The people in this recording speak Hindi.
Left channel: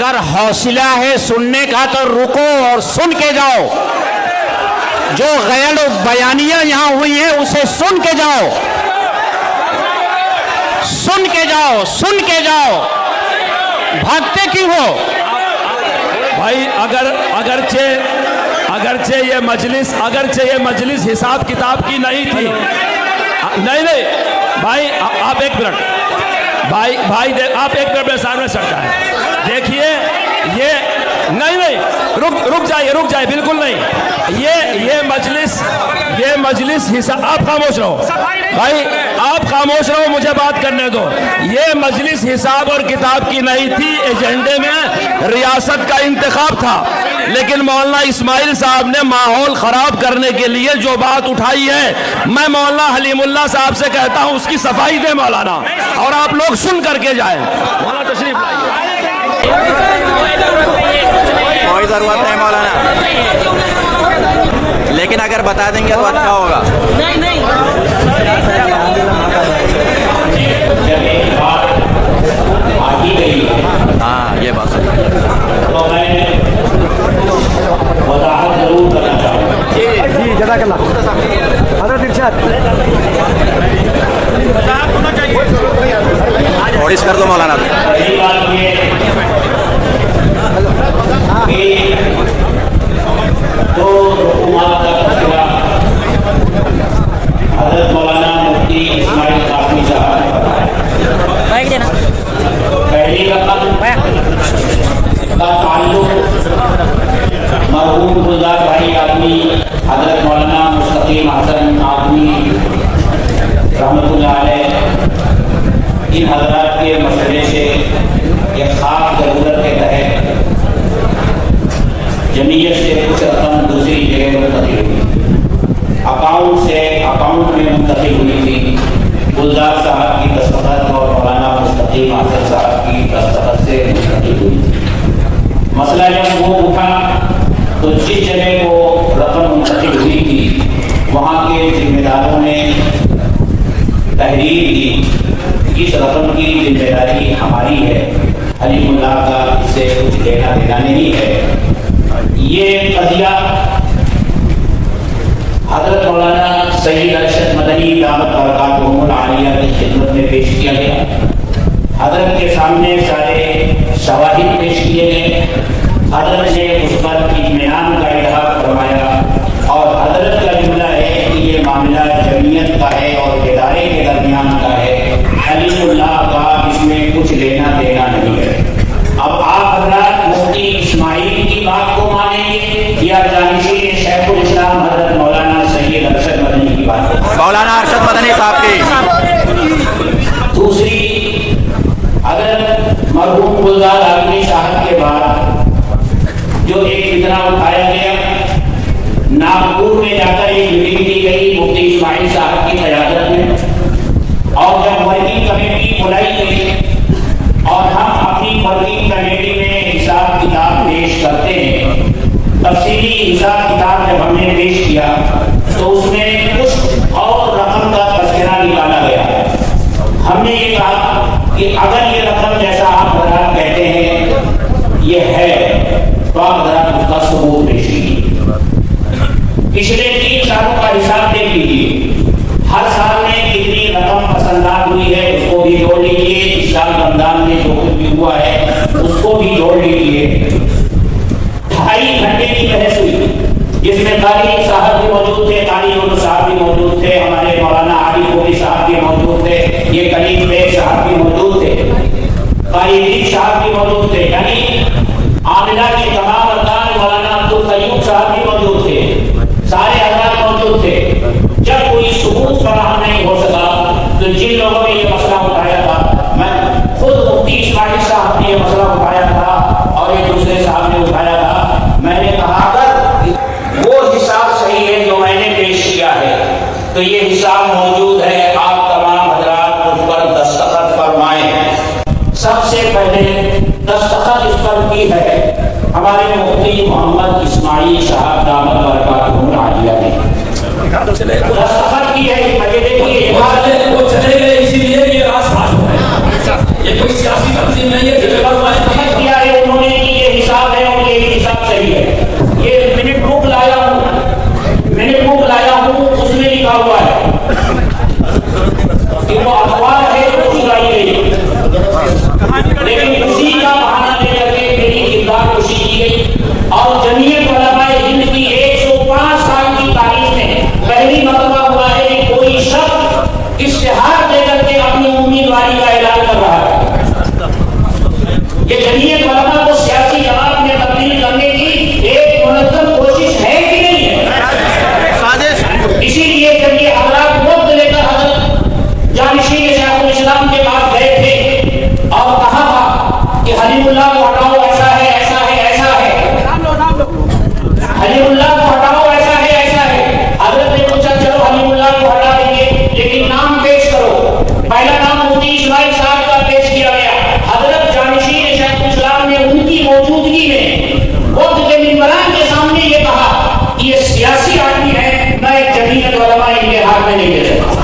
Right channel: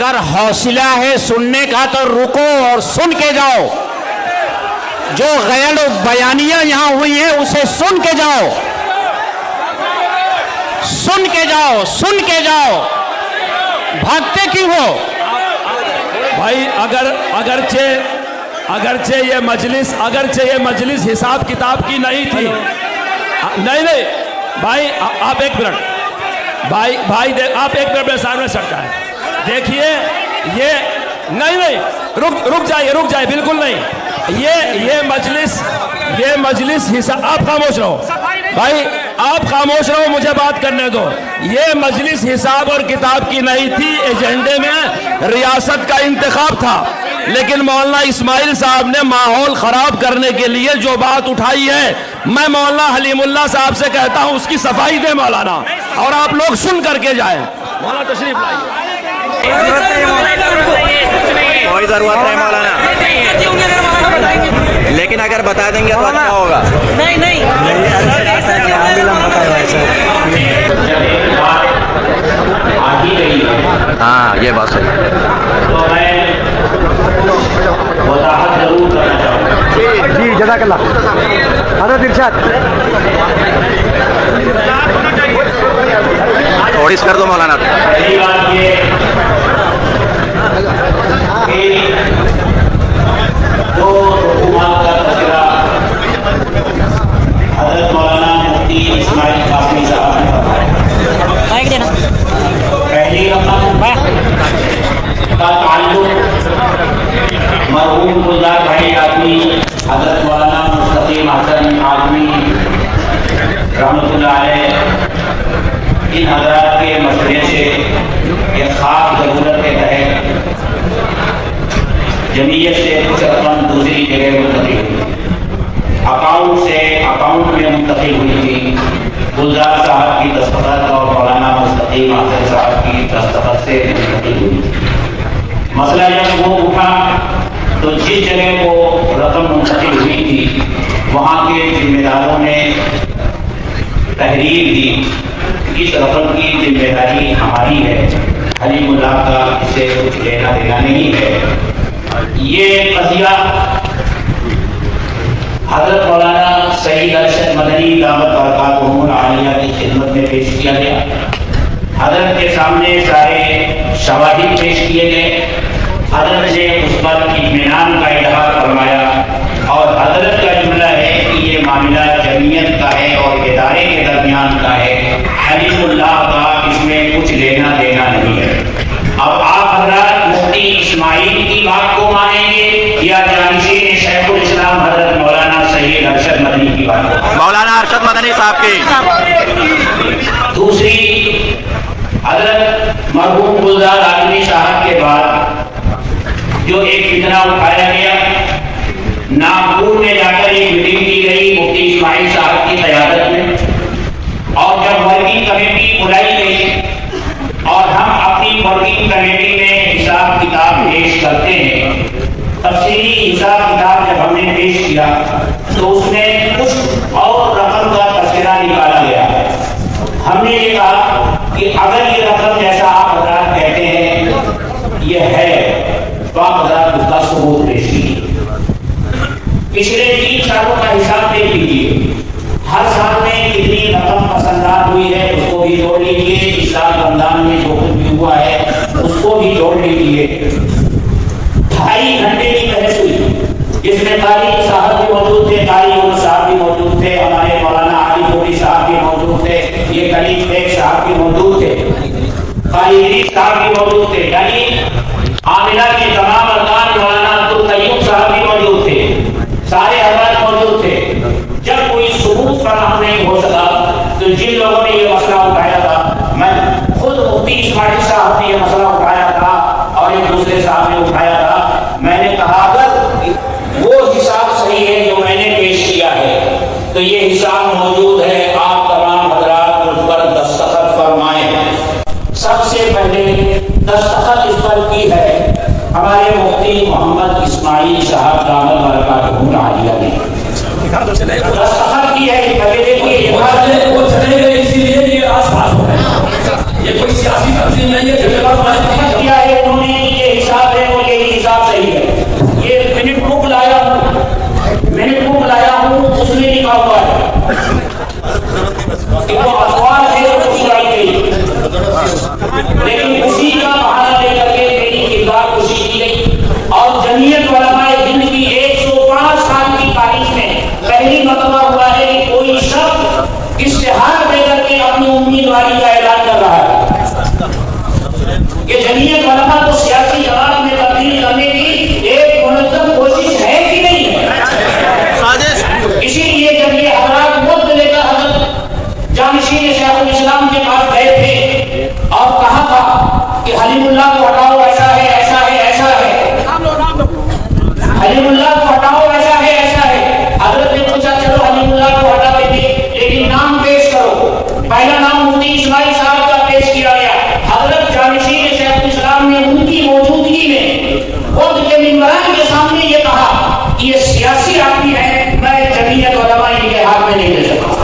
अगर हौसला है सुनने का तो रुको और सुन के जाओ। जो गैर बयानियां यहां हुई हैं उसे सुन के जाओ, सुन के जाओ, सुन के जाओ। भागते क्यों हो भाई? अगरचे ये मजलिस हिसाब किताब की नहीं थी। नहीं भाई, आप एक मिनट भाई आप एक मिनट मेरे सामने सटका है। देखिए ये नहीं रुक जाइए बिल्कुल नहीं। ये मजलिस हिसाब, आप खामोश रहो भाई, आप खामोश रहो, मुझे बात करने दो। ये मजलिस हिसाब और किताब की नहीं थी। एजेंडे में रियासत का इंतखाब था, लेकिन मौलाना इस्माइल साहब ने माहौल खराब करने के लिए जो बात उठाई है, मैं मौलाना हलीमुल्लाह साहब से कहता हूं उसकी सफाई दे मौलाना, और आप लोग सुन करके जाएं। मौलाना तशरीफ लाइए। कोई जरूरत नहीं मौलाना, लेकिन अगर बता देंगे तो अच्छा होगा। नहीं हाँ, ये बात सही है। तो मैं वजाहत जरूर करना चाहूँगा। जी जज़ाकल्लाह। हज़रत इरशाद और इस कर दो मौलाना। पहली बात ये कि जो हुकूमत का तस्करा हज़रत मौलाना मुफ्ती इस्माइल कासमी साहब ने बताया। पहली रकम का ताल्लुक मरहूम गुलजार भाई आदमी हज़रत मौलाना मुस्तकीम हसन आदमी रहमतुल्लाह अलैह, इन हज़रात के मसले से एक ख़ास ज़रूरत के तहत जमीयत से कुछ रकम दूसरी जगह मुंतकिल हुई। अकाउंट में मुंतकिल हुई थी। गुलजार साहब की दस्तखत और मौलाना मुस्तकीम हसन साहब की दस्तखत से मुंतकिल हुई। मसला जब वो उठा तो जिस जगह को रकम मुंतकिल हुई थी वहाँ के जिम्मेदारों ने तहरीर दी, इस रकम की जिम्मेदारी हमारी है, हलीमुल्लाह का इसे कुछ लेना देना नहीं है। ये कज़िया हज़रत मौलाना सईद अरशद मदनी दामत बरकातुहुल आलिया की खिदमत में पेश किया गया। हज़रत के सामने सारे शवाहिद पेश किए गए। हज़रत ने उस पर इत्मीनान का इज़हार फरमाया और हज़रत का जुमला है कि ये मामला जमीयत का है और इदारे के दरमियान का है, हलीमुल्लाह का इसमें कुछ लेना देना नहीं है। अब आप हज़रात मुफ्ती इस्माइल की बात को मानेंगे या जानिशीन शेखुल इस्लाम हज़रत मौलाना सईद अरशद मदनी की बात को? मौलाना अरशद मदनी साहब की। दूसरी, हज़रत मरहूम गुलजार आदमी साहब के बाद जो एक फितना उठाया गया, नागपुर में जाकर एक मीटिंग की गई मुफ्ती इस्माइल साहब की क़यादत में, और जब वर्किंग कमेटी बुलाई गई और हम अपनी वर्किंग कमेटी में हिसाब किताब पेश करते हैं, तफसीली हिसाब किताब जब हमने पेश किया तो उसमें कुछ और रकम का तस्करा निकाला गया। हमने ये कहा कि अगर ये रकम जैसा आप हज़रात कहते हैं ये है तो आप हज़रात उसका सबूत पेश कीजिए। पिछले 3 सालों का हिसाब देख लीजिए, हर साल में कितनी रकम पसंदात हुई है उसको भी जोड़ लीजिए, इस साल रमजान में जो कुछ भी हुआ है उसको भी जोड़ लीजिए। 2.5 घंटे की बहस हुई जिसमें कारी साहब भी मौजूद थे, कारी साहब भी मौजूद थे, हमारे मौलाना आरिफ होरी साहब भी मौजूद थे, ये करीम बेग साहब भी मौजूद थे, कारी साहब भी मौजूद थे, यानी आमिला के तमाम अरकान मौलाना अब्दुल कयूम साहब भी मौजूद थे, सारे हज़रात मौजूद थे। जब कोई सबूत फराहम नहीं हो सका तो जिन लोगों ने ये मसला उठाया था, मैं खुद मुफ्ती इस्माइल साहब ने ये मसला उठाया था और एक दूसरे साहब ने उठाया था, मैंने कहा अगर वो हिसाब सही है जो मैंने पेश किया है तो ये हिसाब मौजूद है, आप तमाम हज़रात उस पर दस्तखत फरमाएं। सबसे पहले दस्तखत इस पर की है हमारे मुफ्ती मोहम्मद इस्माइल साहब दामत बरकातुहुल आलिया ने दस्तखत की है। पहले देखिए वो चले गए इसीलिए ये आस-पास हो गए। ये कोई सियासी तंजीम नहीं है। किया है उन्होंने, ये हिसाब है और ये हिसाब सही है। ये मिनट बुक लाया हूँ, उसमें लिखा हुआ है कि वो अखबार है तो उगाई गई, लेकिन उसी का बहाना लेकर के मेरी किरदार खुशी की गई। और जमीयत उलमाए हिंद की 105 साल की तारीख में पहली मरतबा हुआ है कि कोई शख्स इश्तिहार देकर के अपनी उम्मीदवारी का ऐलान कर रहा है। ये जमीयत उलमा को सियासी जमात में तब्दील करने की एक मुनज़्ज़म कोशिश है कि नहीं है? साजिश। इसीलिए जब ये हज़रात मुफ्त लेकर हज़रत जानिशीन शेखुल इस्लाम के पास गए थे और कहा था कि हलीमुल्लाह को हटाओ, ऐसा है, ऐसा है, ऐसा है, हलीमुल्लाह को हटाओ, ऐसा है, ऐसा है। हज़रत ने पूछा चलो हलीमुल्लाह को हटा देंगे, लेकिन नाम पेश करो। पहला नाम मुफ्ती इस्माइल साहब का पेश किया गया। हज़रत जानिशीन शेखुल इस्लाम ने उनकी मौजूदगी में वक्त के मिंबरान के सामने ये कहा कि ये सियासी आदमी है, मैं जमीयत उलमा इनके हाथ में नहीं दे सकता।